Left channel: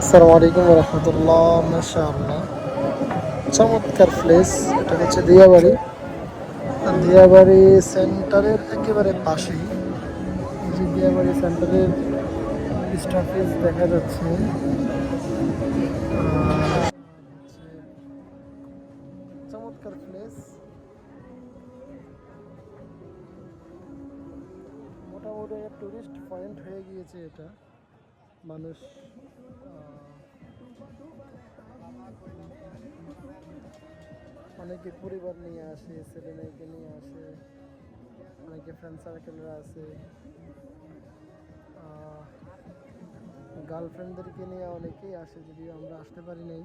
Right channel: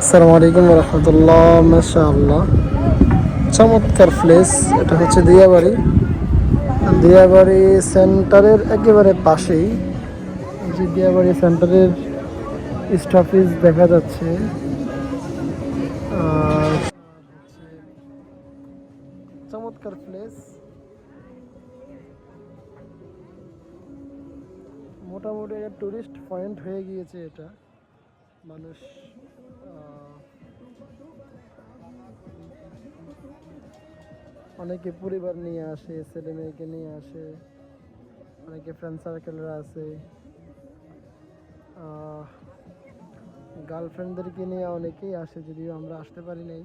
আসসালামু আলাইকুম রহমতুল্লাহ। মাশাআল্লাহ, চমৎকার প্লেস। এটা হচ্ছে দিয়াবাড়ি। দিয়াবাড়ি সেন্টারের একেবারে পাশেই এই যে দিয়াবাড়ি সেন্টারের স্টপেজ দেখা যাচ্ছে। আর হচ্ছে চমৎকার প্লেস। মোটামুটি টুরিস্ট পয়েন্ট হয়ে গিয়েছে এটা। মানুষ অনেকে পরিবার নিয়ে আসে, ছেলে মেয়েকে নিয়ে আসে, অনেকে ফ্রেন্ড সার্কেলরা আছে, গার্লফ্রেন্ডদেরকে নিয়ে অনেকেই আসে, যদিও আমরা আসতে পারি নাই।